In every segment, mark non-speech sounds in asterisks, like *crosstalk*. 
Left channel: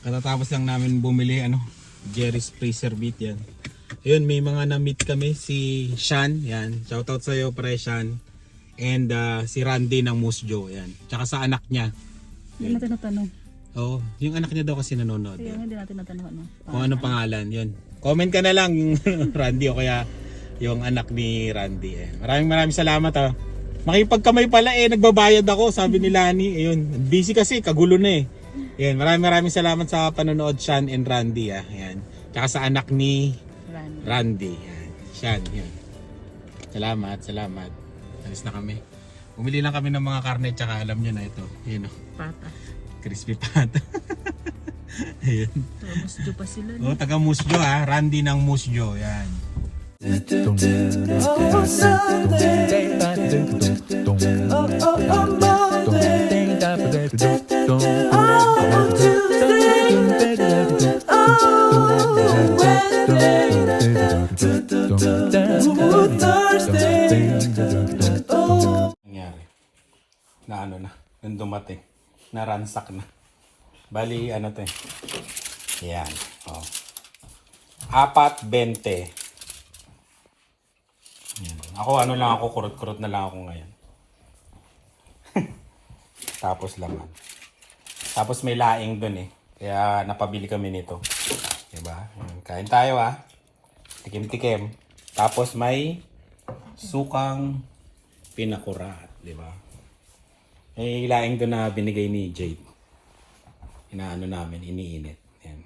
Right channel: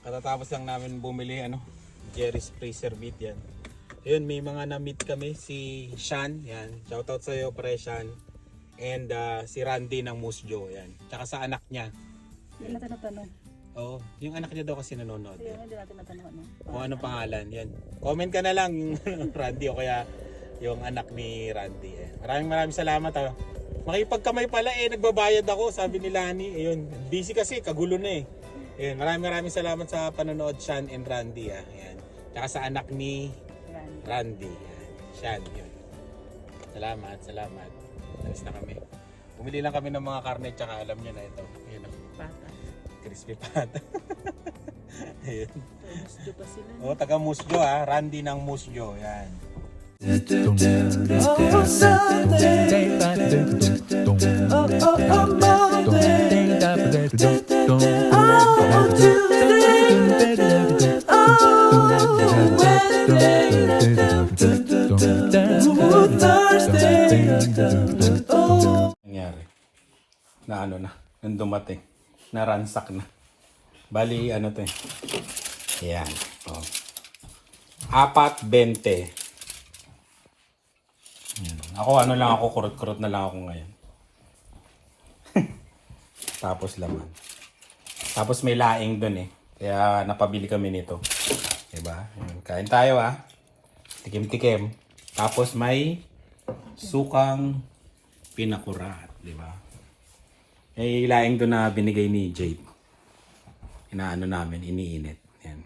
Katatapos lang namin bumili ano, Jerry's Freezer Beat yan. Ayun, may mga na-meet kami si Shan, yan. Shoutout sa iyo pre Shan. And ah, si Randy ng Musjo, yan. Tsaka sa anak niya. Hindi natin natanong. Oo, yung anak niya daw kasi nanonood. Hindi natin natanong. Ano. Kung anong pangalan, yun. Comment ka na lang *laughs* Randy o kaya yung anak ni Randy. Eh. Maraming maraming salamat ha. Makipagkamay pala eh, nagbabayad ako, sabi ni Lani. Ayun, busy kasi, kagulo na eh. Ayun, maraming maraming salamat sa panonood Sean and Randy ah. Ayan. Tsaka sa anak ni Brand. Randy. Ayan. Sean, yun. Salamat, salamat. Alis na kami. Bumili lang kami ng mga karne tsaka alam niyo na ito. Yun oh, Pata. crispy pata. Ayun. Tapos dyo pa sila. Oh, taga Musjo ah, Randy ng Musjo, yan. Oh, Sunday. Oh, oh, oh, Monday. Na ransack na. Bali ano to eh. Yan. Oh. apat bente. Yan. ako ano lang ako kurot kurot na lang ako ngayon. *laughs* Tapos laman. Tapos may laing dun eh. Kaya napabili kami nito. Diba? Kain tayo ah. Tikim tikim tapos may sukang pinakurat? May laing doon na binigay ni Jade. Inaano namin, iniinit. Yan.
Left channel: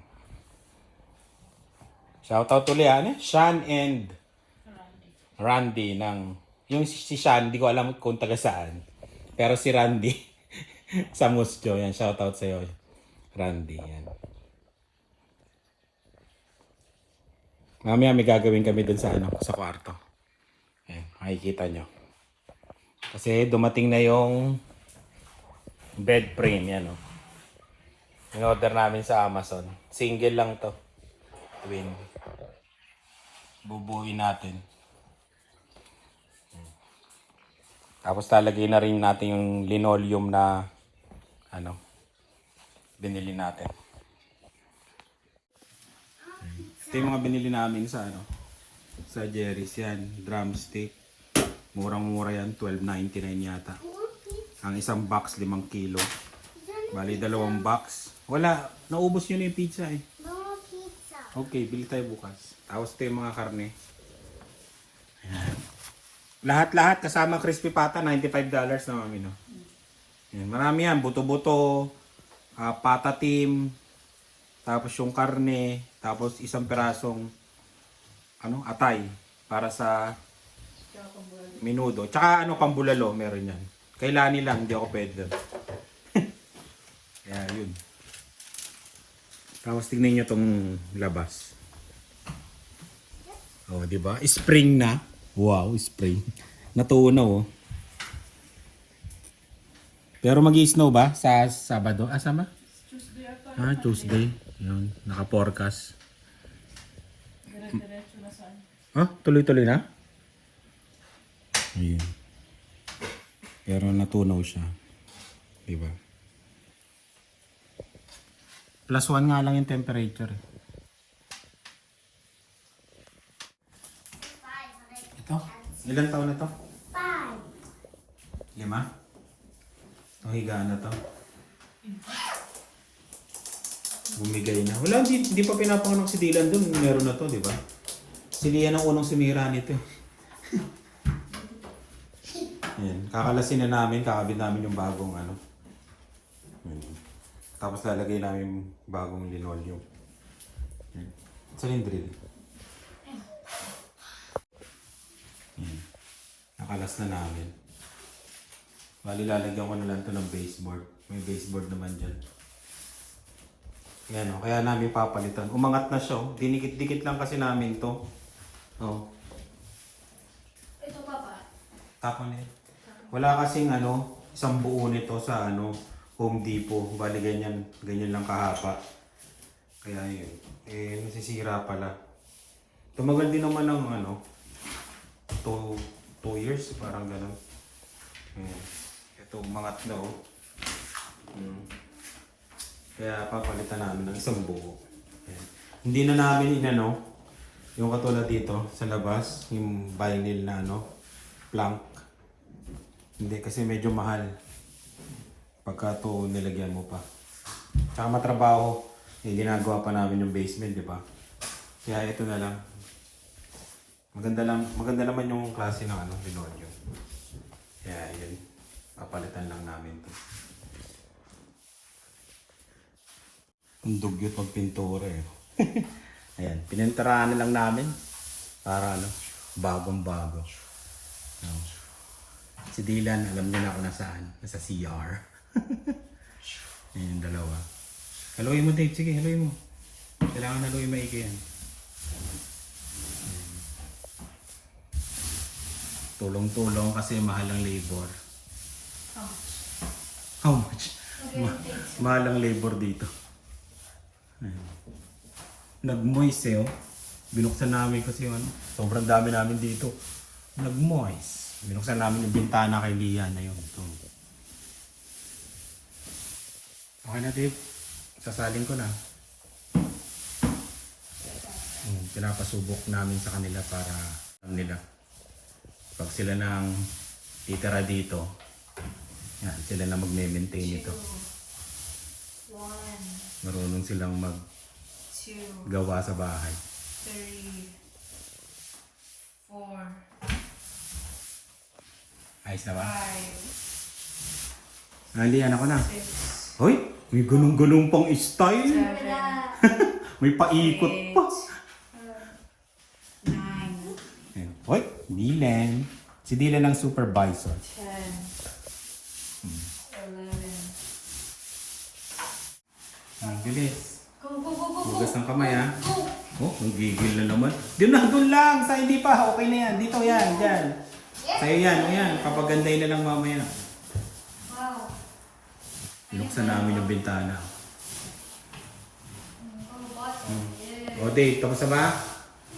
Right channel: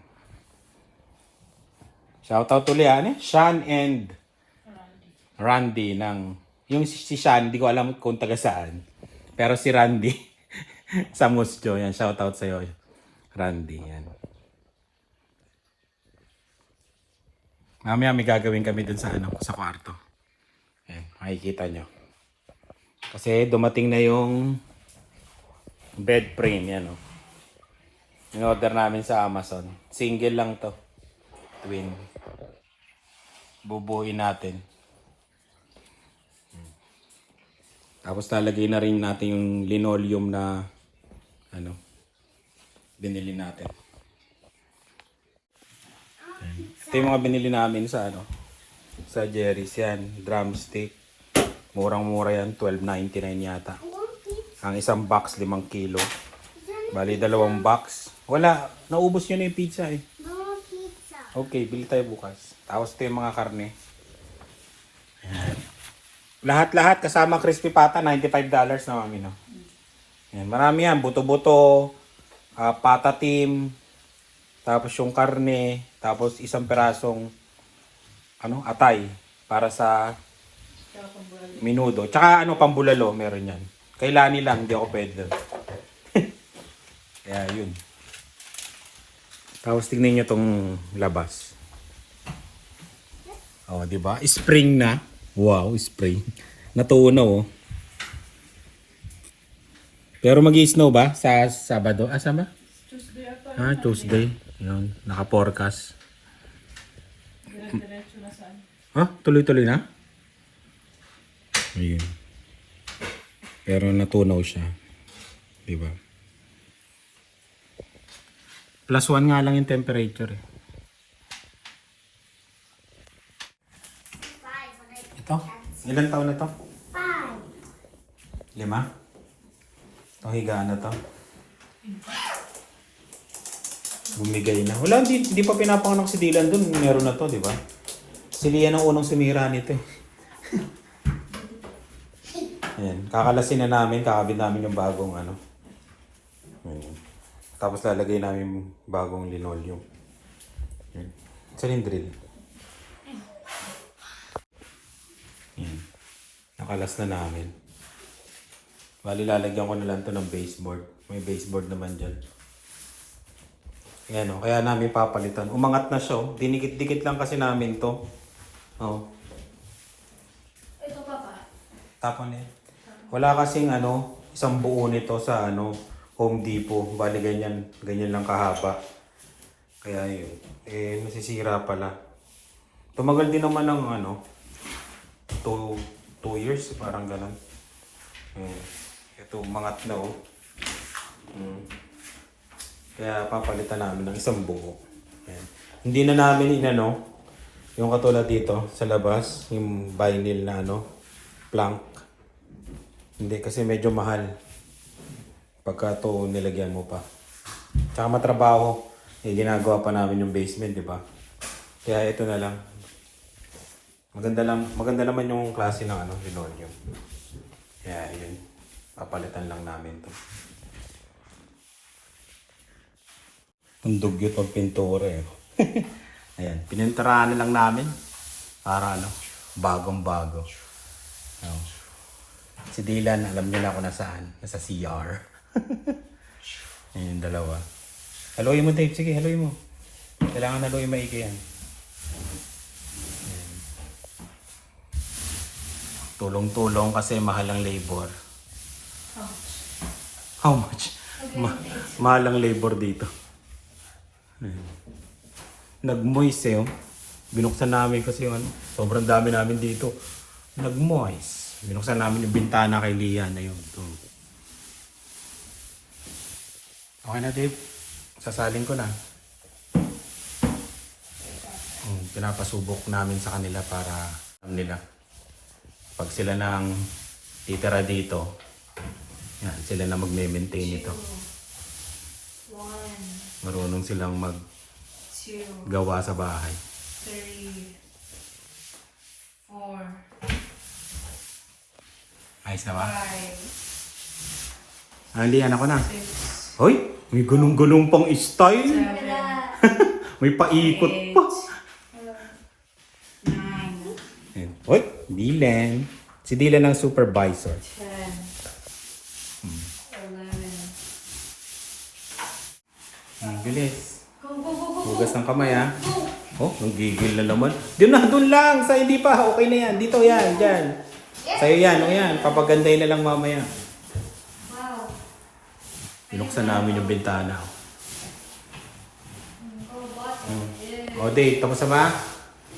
Shoutout ulit, ano? Sean and Randy ng... Yung si si Sean, di ko alam kung taga saan. Pero si Randy, *laughs* sa Musjo, yan. Shoutout sa'yo, Randy. Yan. Mamaya may gagawin kami dun sa, ano, sa kwarto. Ayan, makikita nyo. Kasi dumating na yung bed frame yan. oh. In-order namin sa Amazon. Single lang to. Twin. Bubuin natin. Tapos talagay na rin natin yung linoleum na ano binili natin. Ito yung mga binili namin sa ano sa Jerry's yan. Drumstick. Murang-mura yan. 12.99 yata. Ang isang box, 5 kilo. Bali, dalawang box. Wala. Naubos nyo na yung pizza eh. Okay, bili tayo bukas. Tapos ito yung mga karne. Ayan. Lahat-lahat kasama crispy pata, $95 na mami, no? Ayan, marami yan. Buto-buto, ah, pata team, tapos yung karne, tapos isang perasong ano, atay para sa minudo. Tsaka ano, pambulalo, meron yan. Kailani lang, hindi ako pwede. *laughs* Kaya yun. Tapos tingnan nyo tong labas. Oh, di ba? Spring na. Wow, spring. *laughs* Natunaw oh. Pero mag snow ba sa Sabado? Ah, sama? Tuesday Ah, Tuesday. Yun, naka-forecast. Ha? Tuloy-tuloy na? Ayun. Pero natunaw siya. Di ba? Plus one nga lang yung temperature eh. Ito? Ilan taon na to? Five. Lima? Itong higaan na to? Bumigay na. Wala, hindi, hindi pa pinapanganak si Dylan dun. Meron na to, di ba? Si Lian ang unang sumira nito eh. Ayan, kakalasin na namin, kakabit namin yung bagong ano. Ayan. Tapos lalagay namin yung bagong linoleum. Ayan. Saan yung drill? Ayan. Nakalas na namin. Bali, lalagyan ko na lang to ng baseboard. May baseboard naman dyan. Ayan o, kaya namin papalitan. Umangat na siya o. Dinikit-dikit lang kasi namin to. Oh. Ito pa pa. Tapon eh. Wala kasing ano, isang buo nito sa ano, Home Depot. Bali ganyan, ganyan lang kahaba. Kaya yun, eh nasisira pala. Tumagal din naman ng ano, 2 2 years, parang ganun. Eh, ito, umangat na oh. Hmm. Kaya papalitan namin ng isang buo. Yan. Hindi na namin inano, yung katulad dito sa labas, yung vinyl na ano, plank. Hindi kasi medyo mahal. Pagka to nilagyan mo pa. Tsaka matrabaho. Eh, ginagawa pa namin yung basement, di ba? Kaya ito na lang. Maganda lang, maganda naman yung klase ng ano, linoleum. Kaya yun, papalitan lang namin to. Itong dugyot pag pintura eh. *laughs* Ayan, pininturahan na lang namin para ano, bagong bago. Ayan. Si Dylan, alam niya na ako nasaan. Nasa CR. *laughs* Ayan yung dalawa. Haluin mo Dave, sige haluin mo. Kailangan haluin maigi yan. Tulong-tulong kasi mahal ang labor. How much? Ma- mahal ang labor dito. Ayan. Nag-moist eh. oh. Binuksan namin kasi yung ano, sobrang dami namin dito. Nag-moist. Binuksan namin yung bintana kay Lian na yun. Ito. Okay na Dave. Sasalin ko na. Hmm, pinapasubok namin sa kanila para alam nila. Pag sila nang titira dito, yan, sila na magme-maintain ito. Marunong silang two, maggawa sa bahay. three, four, Ayos na ba? five, Ah, ako na. Hoy, may gulong-gulong pang style. may paikot pa. Hoy, Dylan. Si Dylan ang supervisor. eleven. Ang bilis. Hugas ng kamay ha. Oh, ang gigil na naman. Doon na, doon lang. Sa hindi pa. Okay na yan. Dito yan. Dyan. Sa'yo yan. O yan. Papaganday na lang mamaya. Wow. Binuksan namin yung bintana. Hmm. O, Dave. Tapos na ba?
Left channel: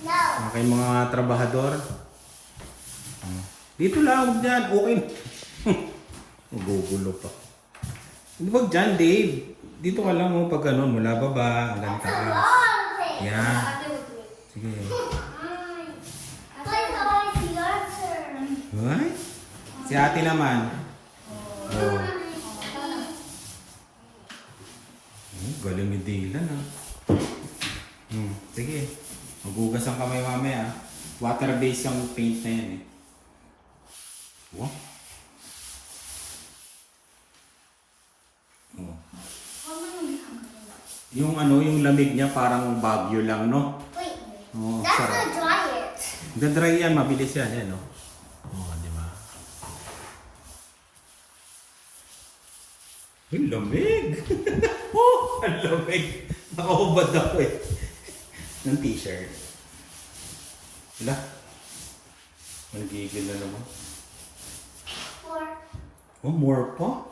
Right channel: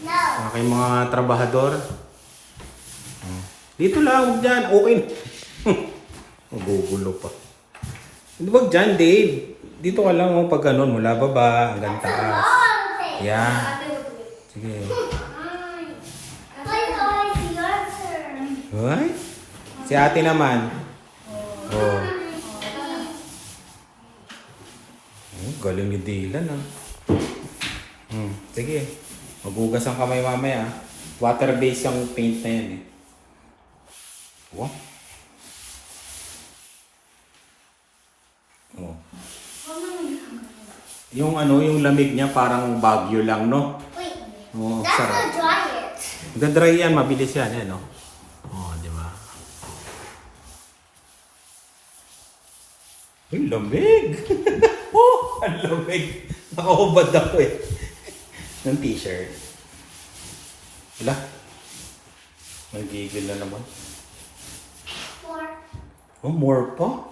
No. Okay, mga trabahador. Hmm. Dito lang. Huwag dyan. Okay na. *laughs* Magugulo pa. Hindi wag dyan, Dave. Dito ka lang oh, pag ganun. Mula baba hanggang taas. Yan. Sige. Hoy. Si ate naman. Oh. Oh, galing ni Dylan ah. Hmm, sige. Magugas ang kamay mamaya. ah. Water-based ang paint na yan eh. Wow. Oh. Yung ano, yung lamig niya parang bagyo lang, no? Oo, sarap. Gandry yan, mabilis yan, eh, no? Oo, di ba? Uy, lamig! *laughs* oh, ang lamig! Nakahubad ako eh. Ng t-shirt. Wala. Nagigil na naman. Oh, more pa?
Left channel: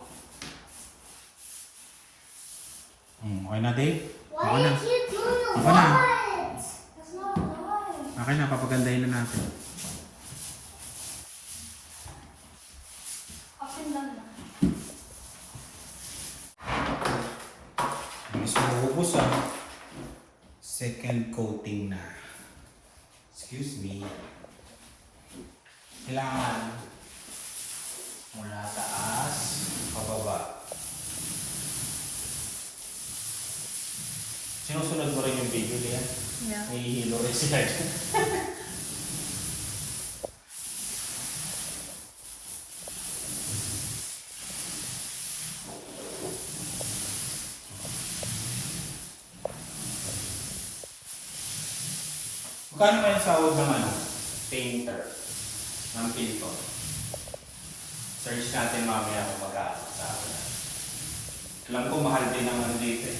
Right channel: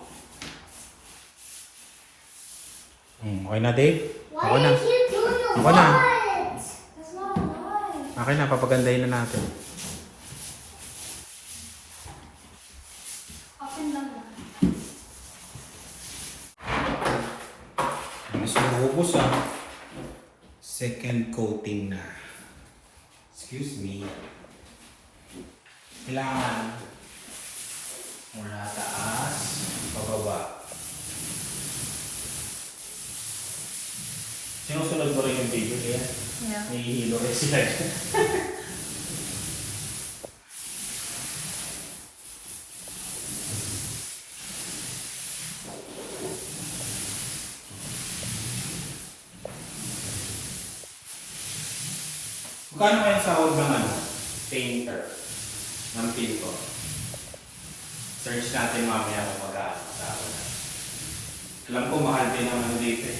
Hmm, okay na, Dave? Okay na. Ako na. Okay na, papagandahin na natin. Mas mahubos ah. Second coating na. Excuse me. Kailangan mula taas, pababa. Sinusunod mo rin yung video kaya? Yeah. May hihilo rin sila. *laughs* Magkano kayo sahod ng ano? Painter. Ng pinto. Search natin mamaya kung magkano sahod. Alam ko mahal din ang ano dito eh.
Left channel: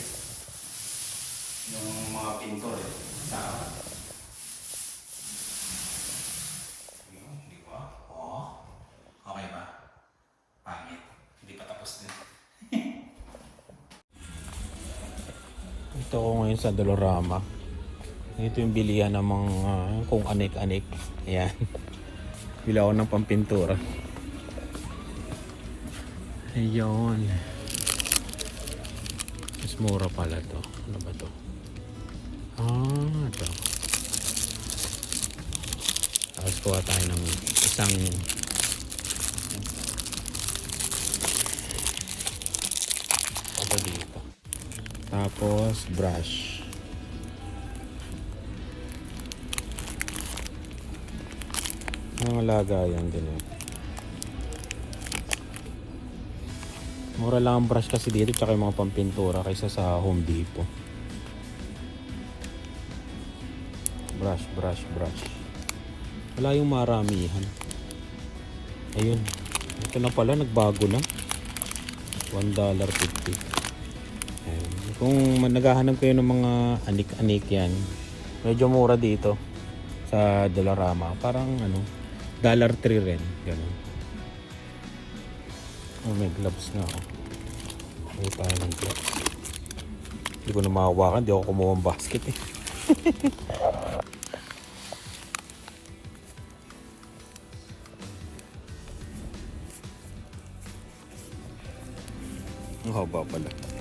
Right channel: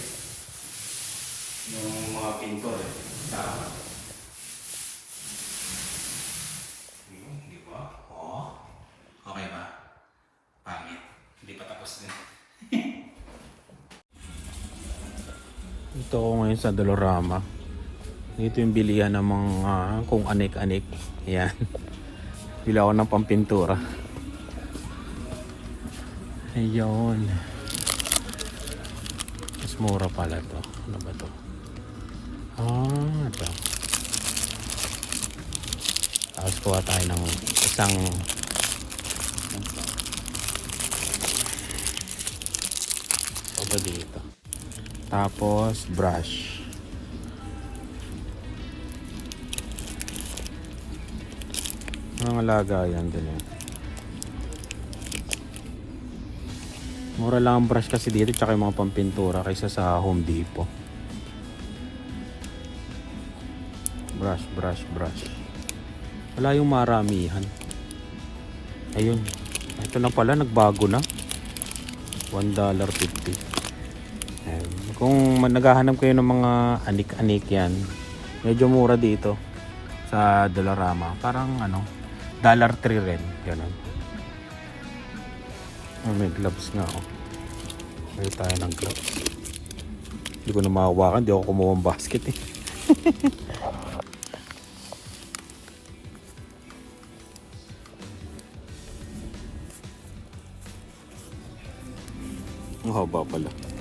Yung mga pinto eh. Din. *laughs* Ito ako ngayon sa Dolorama. Ito yung bilihan ng mga kung anik-anik. Yan. Bili ako ng pampintura. Ayun. Mas mura pala to. Ano ba to? Ah, ito. Tapos kuha tayo ng isang ito dito. Tapos brush. Mga lagayan eh. Mura lang ang brush kasi dito tsaka yung mga pampintura kaysa sa Home Depot. Brush, brush, brush. Wala yung maramihan. Ayun. Ito na pala, nagbago na. $1.50. Ayun. Kung naghahanap kayo ng mga anik-anik yan, medyo mura dito sa Dolorama. Parang ano, dollar 3 rin. Ganun. Oh, may gloves na ako. May tayo ng gloves. Hindi ko na makawakan. Hindi ako kumuha ng basket eh. *laughs* Ang haba pala.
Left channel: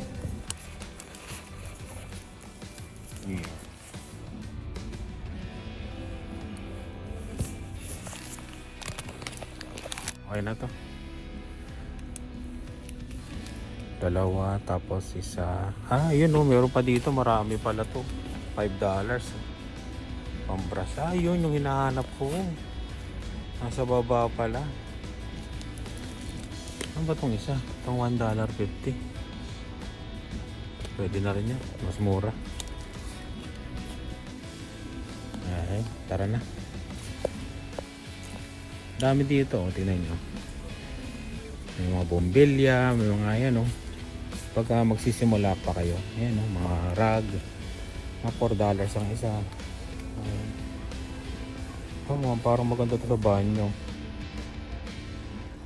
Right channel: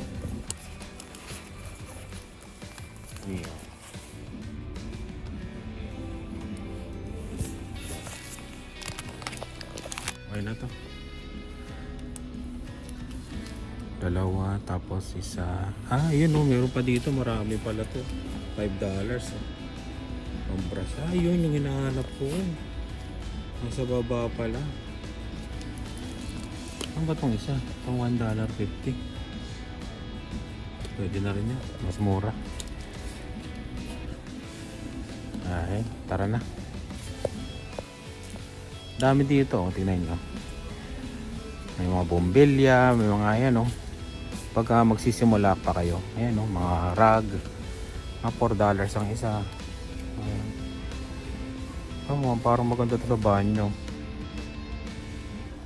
Tapos isa. Ah, yun oh, meron pa dito. Marami pala to. $5 dollars. Pambrush. Ah, yun yung hinahanap ko. Nasa baba pala. Ano ba tong isa? Itong $1.50. Pwede na rin yan. Mas mura. Ay, tara na. Dami dito. Oh, tingnan nyo. May mga bombilya, may mga ayan oh. Pagka magsisimula pa kayo, ayan oh, mga rag. Mga 4 dollars ang isa. Ayan. Oh, mga parang maganda ito sa banyo.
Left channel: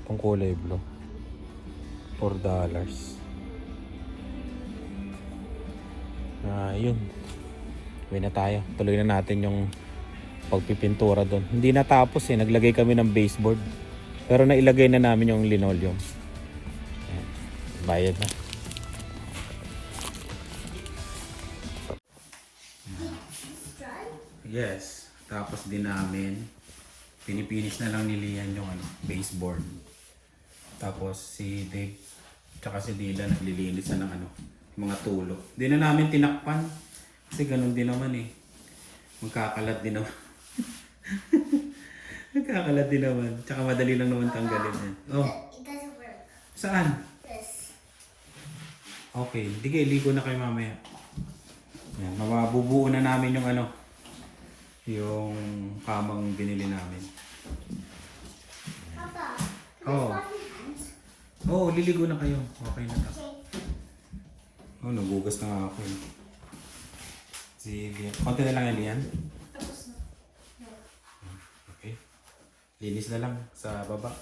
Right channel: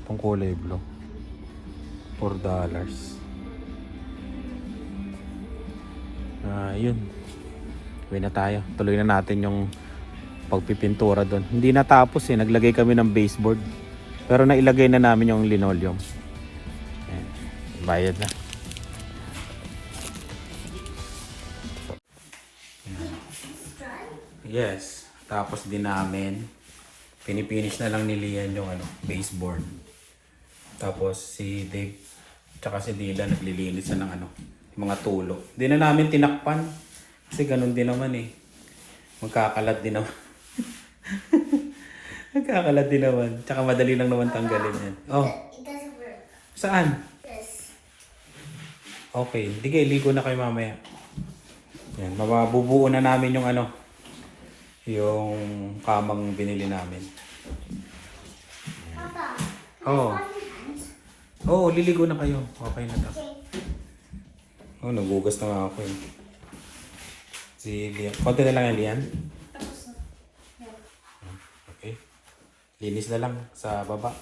Itong kulay blue. 4 dollars. Ah, yun. Uwi na tayo. Tuloy na natin yung pagpipintura doon. Hindi natapos eh. Naglagay kami ng baseboard. Pero nailagay na namin yung linoleum. Ayan. Bayad na. Yes. Tapos din namin. Pinipinish na lang ni Lian yung ano, baseboard. Tapos si Dave tsaka si Dila naglilinis na ng ano, mga tulo. Hindi na namin tinakpan. Kasi ganun din naman eh. Magkakalat din naman. *laughs* Magkakalat din naman. Tsaka madali lang naman tanggalin yan. Oh, It doesn't work. saan? This. Okay, hindi kayo ligo na kayo mamaya. Yan, mababubuo na namin yung ano, yung kamang binili namin. Papa. Oo. Oo, liligo na kayo. Okay na to. Oh, nagugas na nga ako eh. Si Lian. Konti na lang yan, Lian. Okay. Linis na lang sa baba.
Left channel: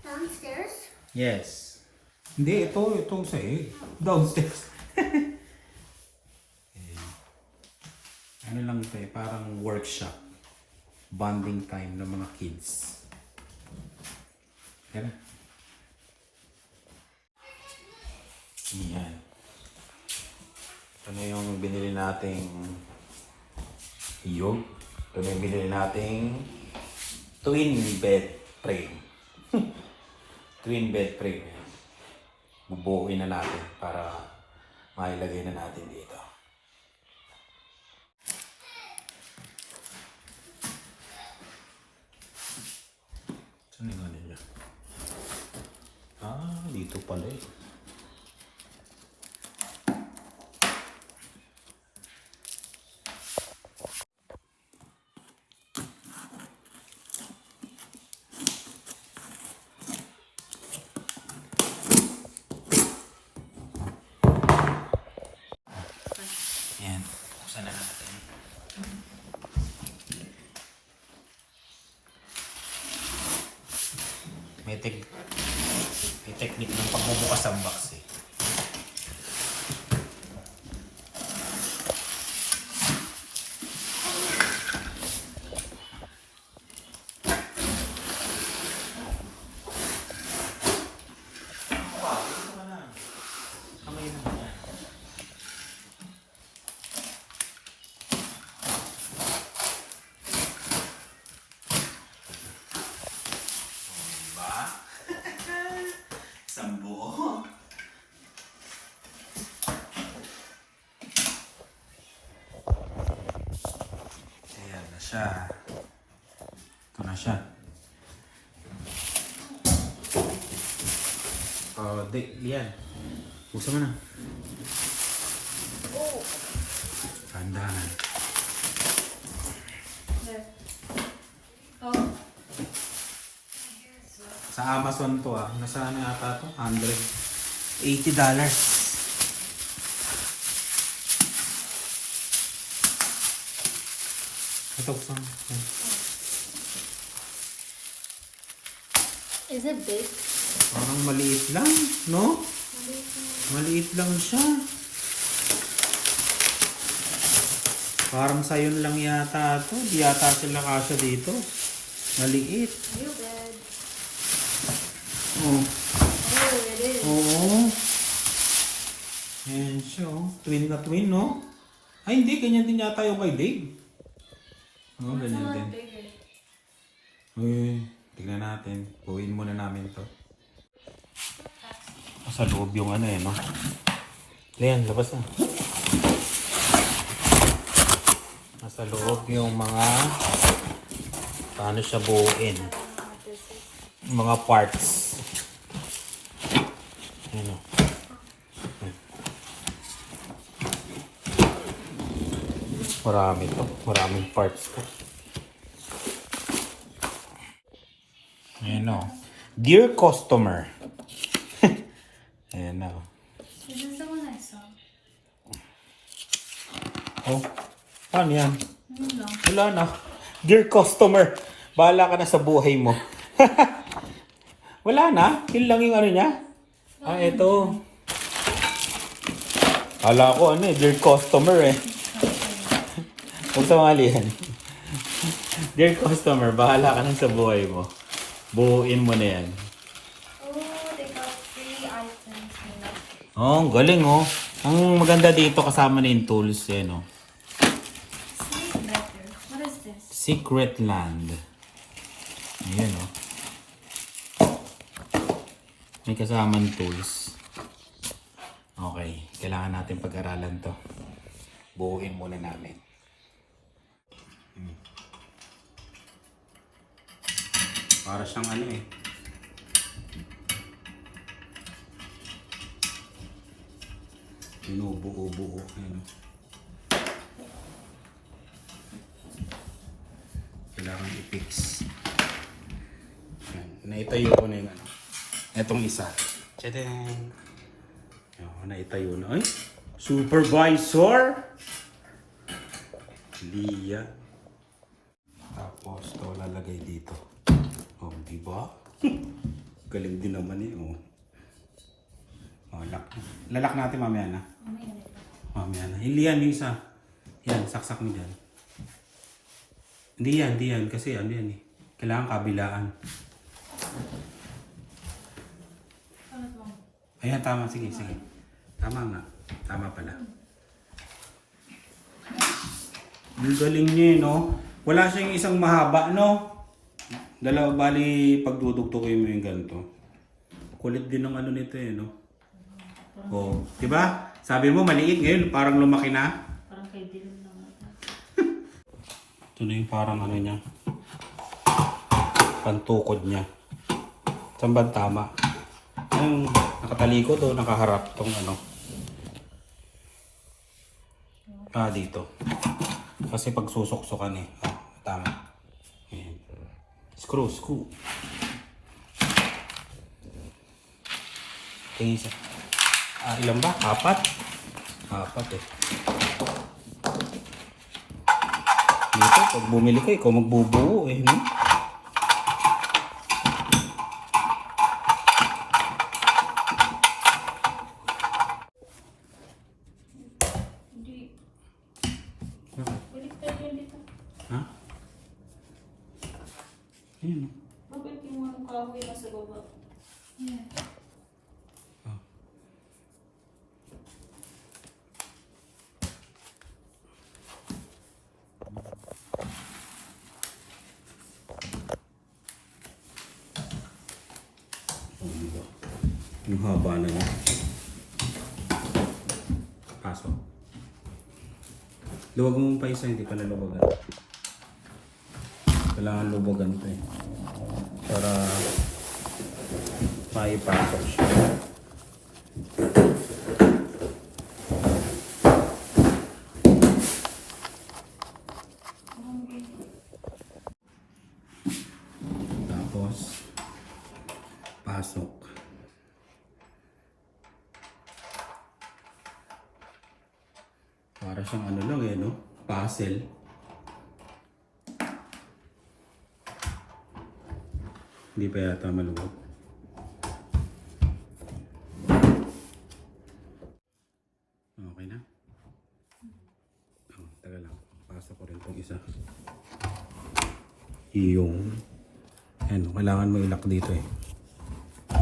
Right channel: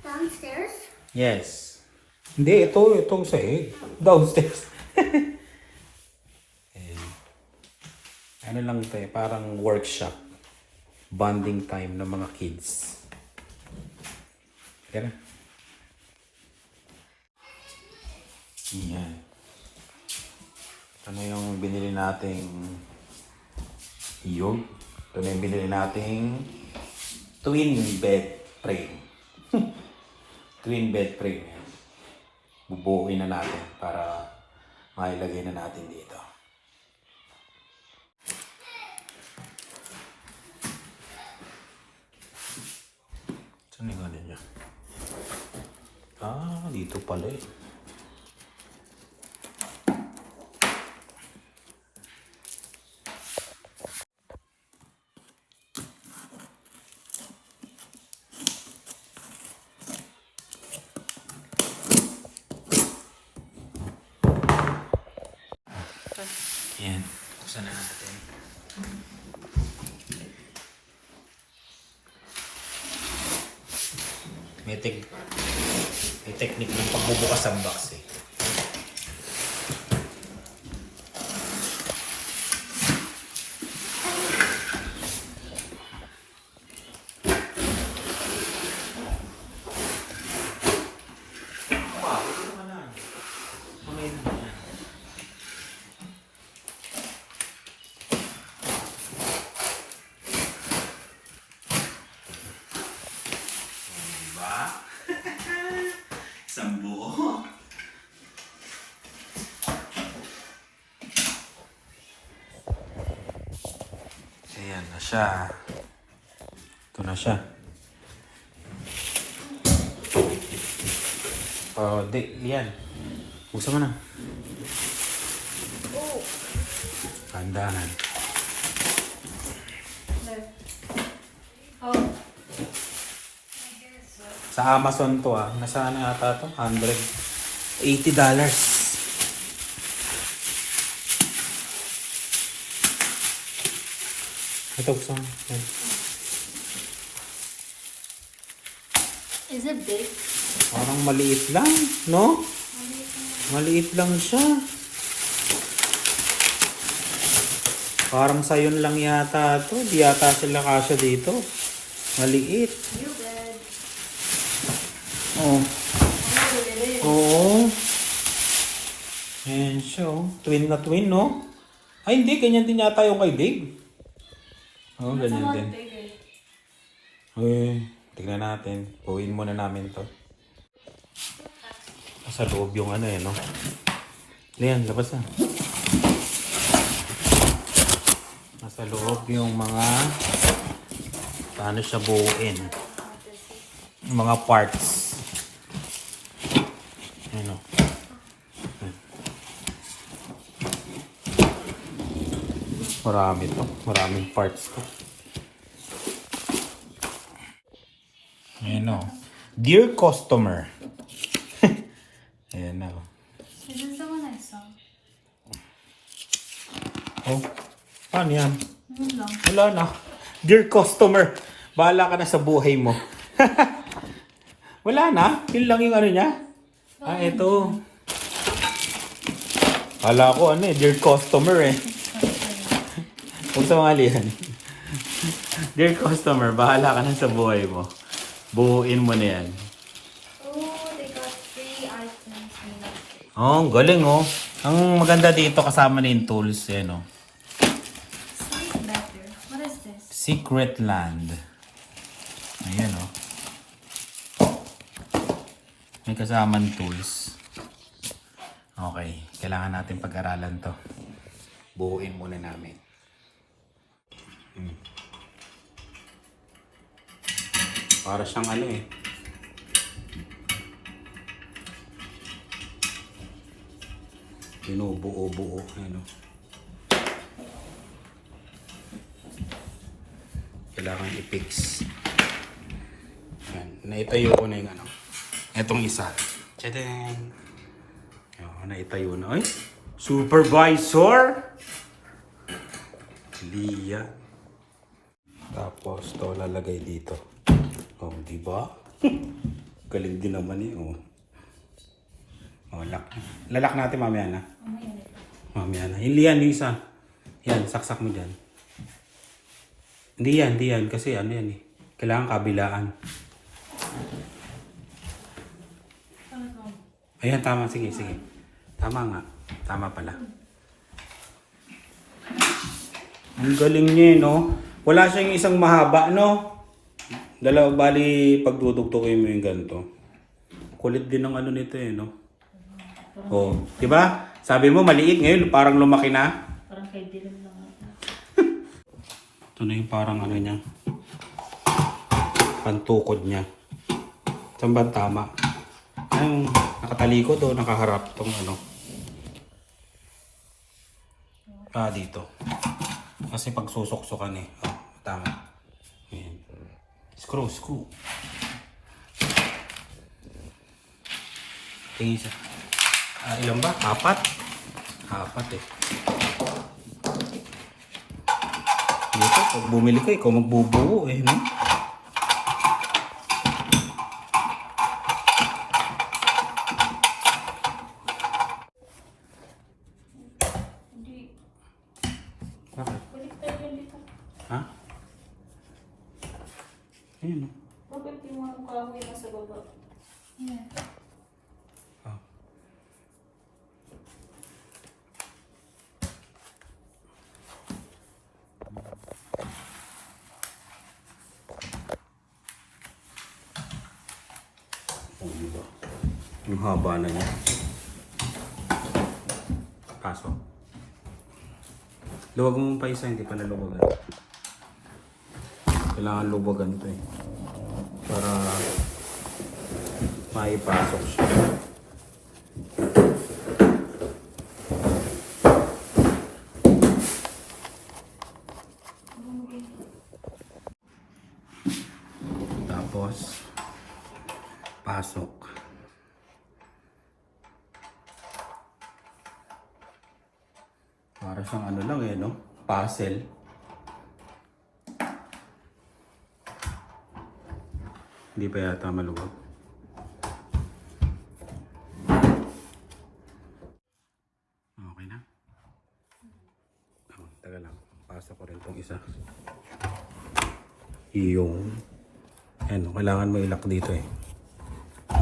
Downstairs? Yes. Hindi, ito, itong sahig. Downstairs. *laughs* Ayan. Ano lang ito eh, parang workshop. Bonding time ng mga kids. Teka na. Ito na yung binili nating yun. Ito na yung binili nating twin bed frame. *laughs* twin bed frame. Bubukin na natin para mailagay na natin dito. Saan yung ano niya? Ah, dito pala eh. Yan. Saan na natin? May, tek may technique ng pagbubukas ng box eh. siya. Ito na siya. Oh, di, yan. Buksan mo na. Oh. Sa Amazon to ah. Nasa ano yata to? 180 dollars. Ito buksan mo. Is it big? Parang maliit lang, no? Maliit lang siya. Parang sayon lang yata to. Di yata sila kasya dito. Maliit. Oh. Oo. Ayan siya, oh. Twin na twin, no? Ay, hindi. Ganyan din yata yung kay Dig. Oo, oh, ganyan din. Bigger. Uy, tignan natin. Puwin muna namin to. Sa loob yung ano eh, no? Ayan, labas na. Nasa loob yung mga paano siya buuin. Mga parts. Ano? Marami to. Maraming parts to. Ayan o. Dear customer. Ayan na. o. Is this the one I saw? Oh, paano yan? Wala na. Dear customer, bahala ka na sa buhay mo. *laughs* Wala na. Yun lang yung ano niya. Ah, ito. Kala ko ano eh, dear customer eh. *laughs* Huwag sa mga yan. dear customer, bahala ka na sa buhay mo. Buuin mo na yan. Oh, they got three items. Oh, galing oh. Ang maganda dito kasama na yung tools eh, no? Secret Land. Ayan oh. May kasamang tools. Okay, kailangan natin pag-aralan to. Buuin muna namin. Hmm. Para siyang ano eh. Binubuo-buo. Ano. Kailangan i-fix. Yan. Naitayo ko na yung ano. Itong isa. Tsede yan. Naitayo na. Ay! Supervisor! Lia. Tapos, to lalagay dito. Oh, di ba? *laughs* Galing din naman eh. Oh. Oh, lock. Lalak natin mamaya na. Oh, my God. Mamaya na. Hindi yan, yung isa. Yan, saksak mo dyan. Hindi yan, hindi yan. Kasi ano yan eh. Kailangan kabilaan. Ayan, tama. Sige, sige. Tama nga. Tama pala. Ang galing niya eh, no? Wala siyang isang mahaba, no? Dalawa, bali, pagdudugtugin mo yung ganito. Kulit din ng ano nito eh, no? Oh, di ba? Sabi mo maliit ngayon, parang lumaki na. Parang kay Dylan. Ito na yung parang ano niya. Pantukod niya. Saan ba ang tama? Yung nakatalikod o nakaharap tong ano. Pa dito. Kasi pag susuksukan eh. Ah, tama. Ayan. Screw, screw. Okay, isa. Ah, ilan ba? Apat? Apat eh. Dito, pag bumili ko, ikaw magbubuo eh, no? Hindi. Bakit? Balik tayo yan dito. Ha? Ayun, no? Bakit yung mga kahoy na sa baba? Yeah. Ah. Oh, diba? Ang haba na niya. Kaso. Luwag mo pa isa, hindi pa naluwag. Kailangan lubagan to eh. Para maipasok siya. Tapos, pasok. Para siyang ano lang eh, no? Puzzle. Hindi pa yata maluwag. Okay na? Oh, taga lang. Pasok ko rin tong isa. Yung... Ano, kailangan mo ilak dito eh.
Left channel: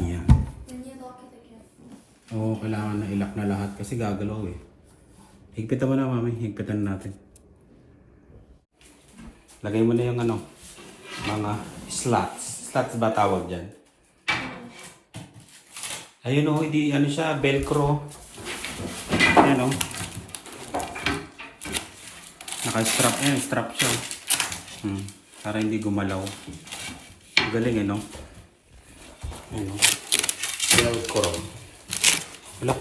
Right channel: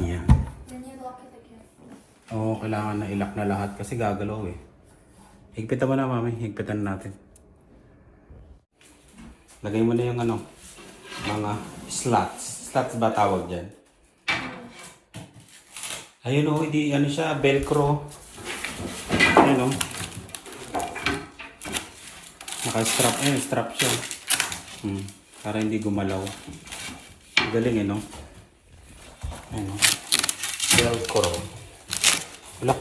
Yan. Oo, kailangan na ilak na lahat kasi gagalaw eh. Higpitan mo na, mami. Higpitan natin. Lagay mo na yung ano, mga slots. Slots ba tawag dyan? Ayun o, hindi ano siya, velcro. Ayan o. Naka-strap, ayun, strap siya. Hmm, para hindi gumalaw. Galing eh, no? Ayun o. Velcro. Wala.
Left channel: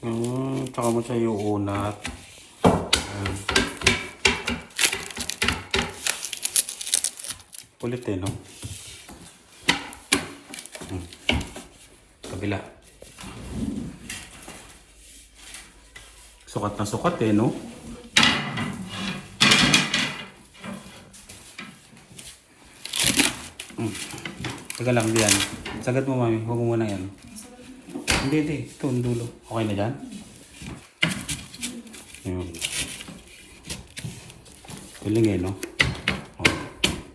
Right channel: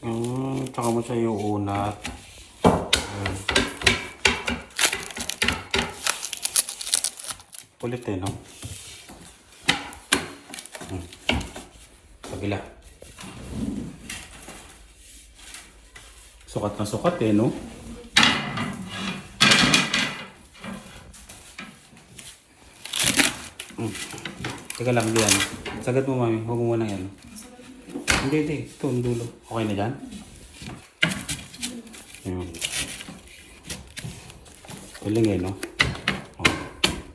Hmm, tsaka mo siya yung unat. Kulit eh, no? Hmm. Kabila. Sukat na sukat eh, no? Hmm. Taga lang diyan. Sagat mo mami, huwag mo muna yan. Hindi, hindi. Ito ang dulo. Okay na yan? Yun. Galing eh?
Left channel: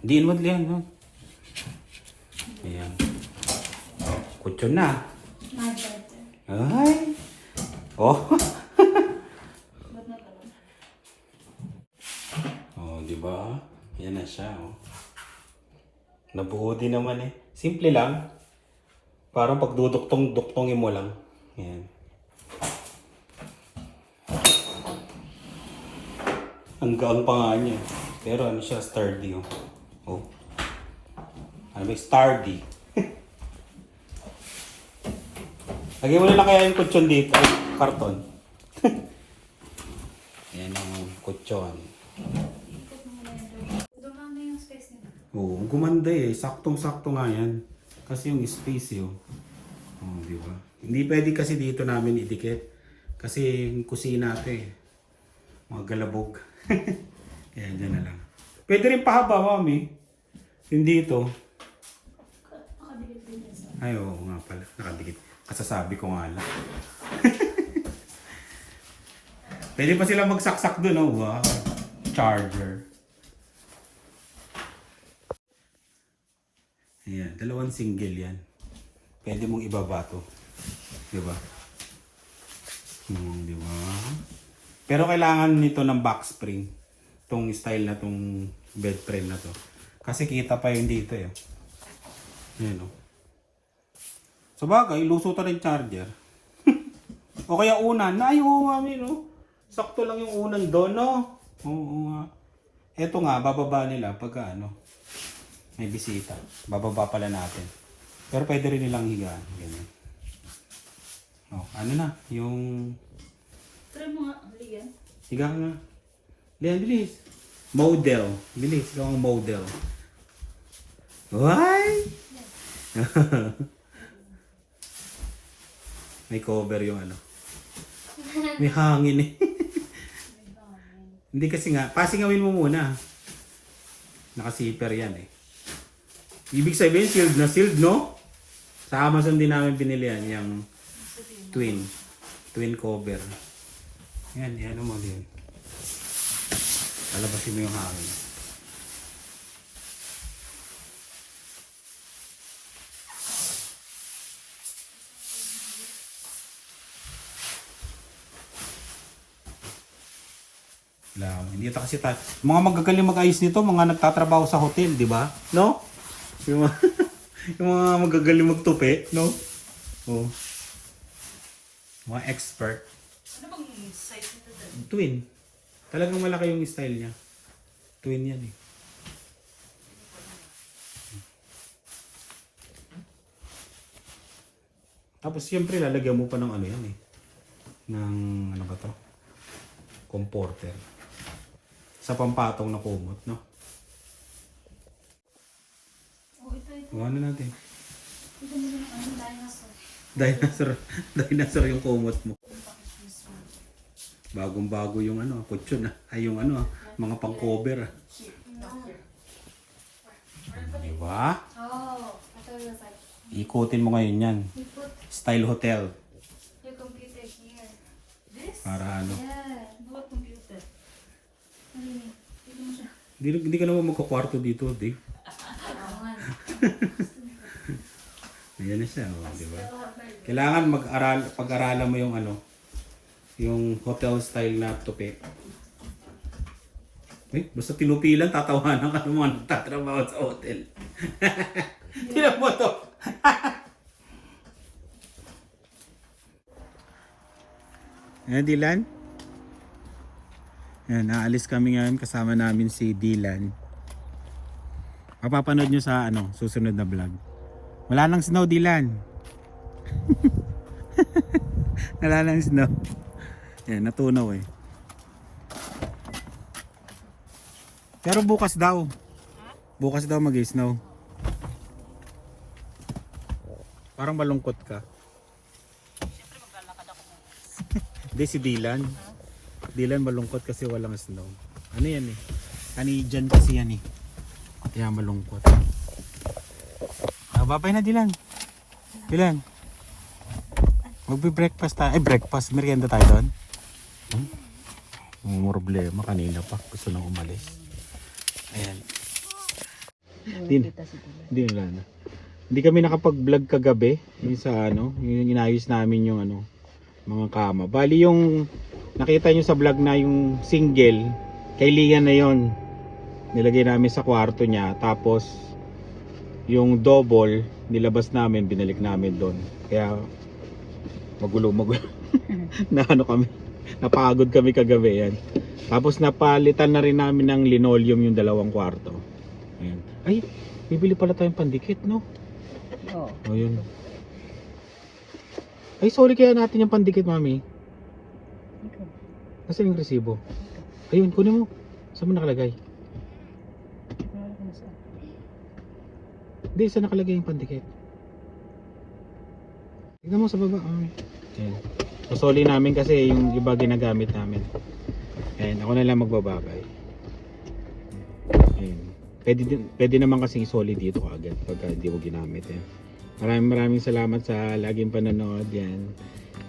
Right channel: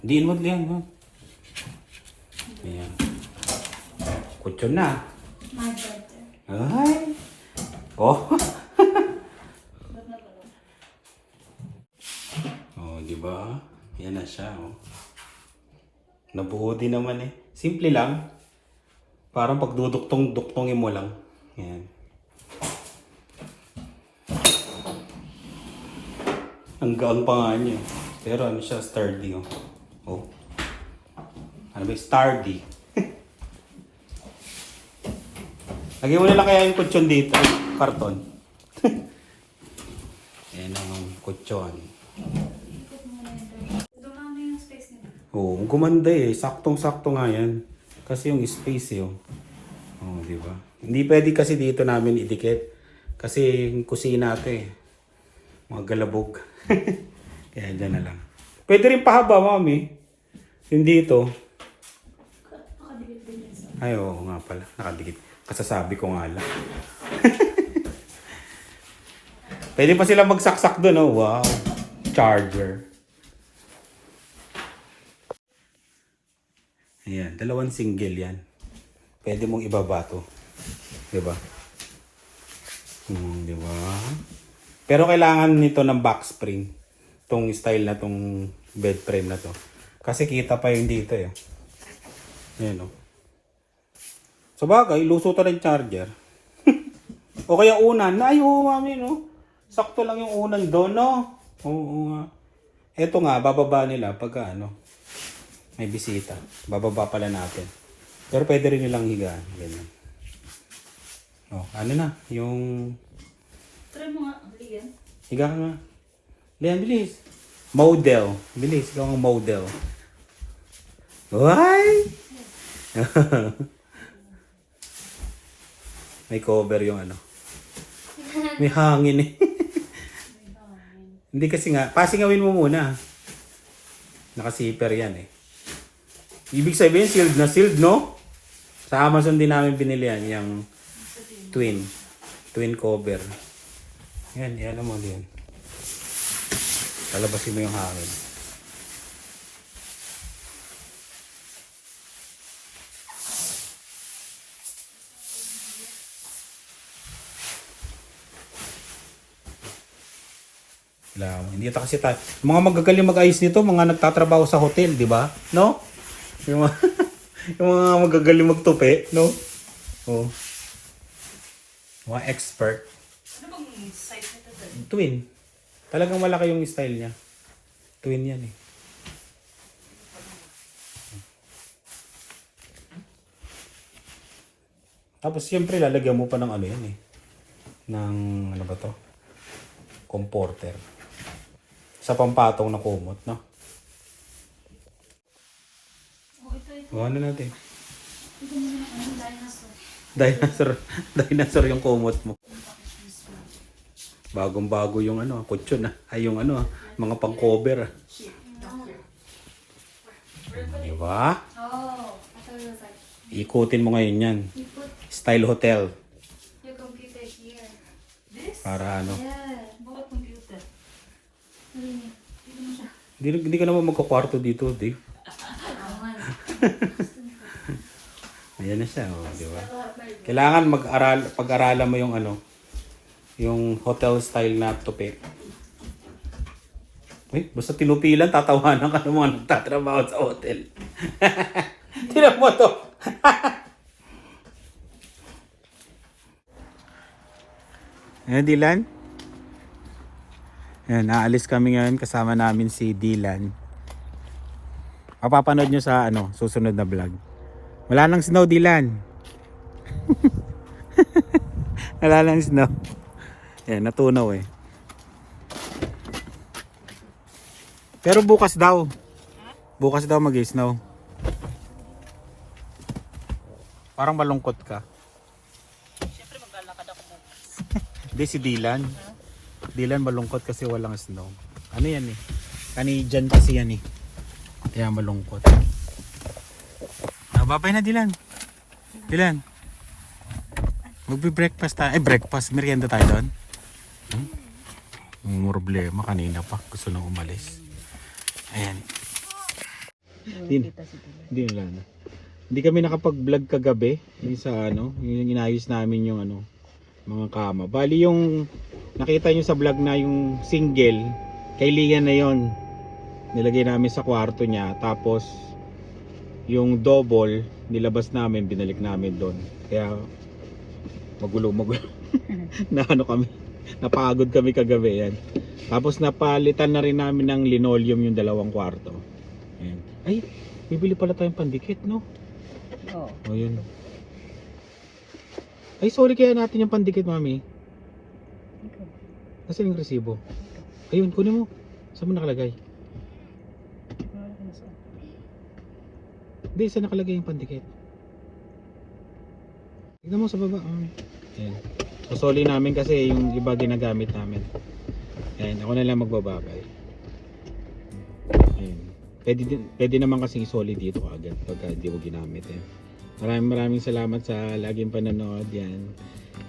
Diin mo diyan, no? Ayan. Kutso na. Ay! Oh! *laughs* oh, di ba? Yan na siya, oh. Nabuo din naman eh. Simple lang. Parang pagduduktong-duktongin mo lang. Yan. Ang gaan pa nga niya. Pero ano siya, sturdy oh. Oh. Ano ba, sturdy. *laughs* Lagyan mo na lang kaya yung kutsyon dito. Ay, Karton. *laughs* Yan ang kutsyon. Oo, ang gumanda eh. Saktong-sakto nga yan. Kasi yung space eh. Oh, oh di ba? Hindi pwede kasi dito namin idikit. Kasi yung kusina ito eh. Mga galabog. *laughs* Kaya dyan na lang. Pwede rin pahaba, mami. Yung dito. Ay, oo nga pala. Nakadikit. Kasasabi ko nga lang. *laughs* Pwede pa sila magsaksak doon, oh. Wow. Charger. Ayan, dalawang single yan. Pwede mong ibaba to. Di ba? Hmm, di ba? Pero kailangan nito ng back spring. Tong style na tong bed frame na to. Kasi kita pa yung dito eh. Ayan o. Sa bagay, luso to ng charger. *laughs* o kaya unan. Ay, oo, mami, no? Sakto lang yung unan doon, no? Oo nga. Eto nga, bababa nila pagka ano, may bisita. Bababa pala natin. Pero pwede rin nilang higaan. Ganyan. Oh, ano na? Yung... Try mo nga, Lian. Higa ka nga. Lian, bilis. Model. Bilis. Ikaw ang model. Why? *laughs* May cover yung ano. May hangin eh. *laughs* Hindi kasi nga, pasingawin mo muna. Nakasiper yan eh. Ibig sabihin, sealed na sealed, no? Sa Amazon din namin binili yan, yung twin. Twin cover. Yan, yan mo din. Lalabasin mo yung hangin. Mo. Hindi ito kasi tayo. Mga magagaling mag-ayos nito, mga nagtatrabaho sa hotel, di ba? No? Yung mga, *laughs* yung mga magagaling magtupi, no? Oh. Mga expert. Ano bang size nito? Twin. Talagang malaki yung style niya. Twin yan eh. Tapos siyempre lalagyan mo pa ng ano yan eh. Ng ano ba to? Comporter. Sa pampatong na kumot, no? O ano natin? Dinosaur. *laughs* Dinosaur yung kumot mo. Bagong bago yung ano, kutsyon ah. Ay yung ano ah, mga pang cover ah. Di ba? Oh, Ikutin mo ngayon yan. Style hotel. Para ano. Hindi, hindi ka naman magkakwarto dito, Dave. *laughs* Ayan na siya, oh, di ba? Kailangan mag-aral, pag-aralan mo yung ano, yung hotel style na tupi. Eh, basta tinupilan, tatawanan ka ng mga nagtatrabaho sa hotel. *laughs* Tinan mo to. Ayan, *laughs* Dylan. Ayan, naalis kami ngayon kasama namin si Dylan. Mapapanood nyo sa ano, susunod na vlog. Wala nang snow, Dylan. *laughs* Wala nang snow. Ayan, natunaw eh. Pero bukas daw. Bukas daw mag-snow. Parang malungkot ka. Siyempre maglalakad ako Hindi si Dylan. Dylan malungkot kasi walang snow. Ano yan eh? Canadian kasi yan eh. Kaya malungkot. Ah, babay na Dylan. Dylan. Magbe-breakfast tayo. Eh, breakfast. Merienda tayo doon. Huh? Problema. Kanina pa. Gusto na umalis. Ayan. Na. Hindi na na. Hindi kami nakapag-vlog kagabi. Yung sa ano, yung inayos namin yung ano, mga kama. Bali yung nakita nyo sa vlog na yung single, kailangan na yon Nilagay namin sa kwarto niya. Tapos, yung double, nilabas namin, binalik namin doon. Kaya, magulo, magulo. *laughs* na ano kami, napagod kami kagabi yan. Tapos napalitan na rin namin ng linoleum yung dalawang kwarto. Ayan. Ay, bibili pala tayong pandikit, no? Oo. Oh, yun. Ay, sorry kaya natin yung pandikit, mami. Okay. Nasaan yung resibo? Ayun, kunin mo. Saan mo nakalagay? Hindi, saan nakalagay yung pandikit? Tignan mo sa baba. Ah. Ayan. Susoli namin kasi yung iba ginagamit namin. Ayan, ako na lang magbabakal. Ayan. Pwede, pwede naman kasi isoli dito agad pagka hindi mo ginamit. Eh. Maraming maraming salamat sa laging panonood. Yan.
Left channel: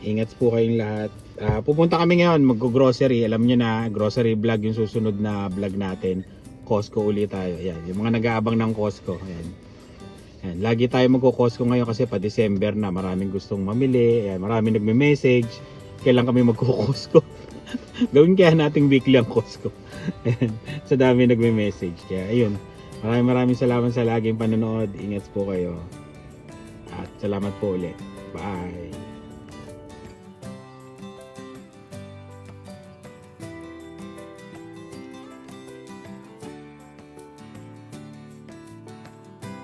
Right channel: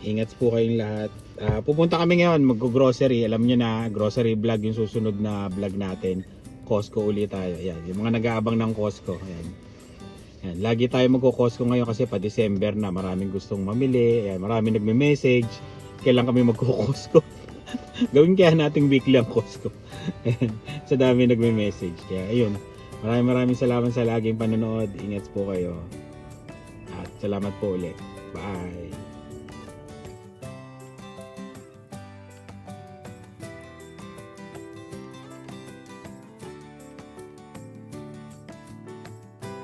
Ingat po kayong lahat. Ah, pupunta kami ngayon mag-grocery. Alam nyo na, grocery vlog yung susunod na vlog natin. Costco ulit tayo. Yan. Yung mga nag-aabang ng Costco. Ayan. Yan. Lagi tayo magko-Costco ngayon kasi pa December na. Maraming gustong mamili. Ayan. Maraming nagme-message. Kailan kami magko-Costco. *laughs* Gawin kaya nating weekly ang Costco. *laughs* Ayan. Sa dami nagme-message. Kaya ayun. Maraming maraming salamat sa laging panonood. Ingat po kayo. At salamat po ulit. Bye.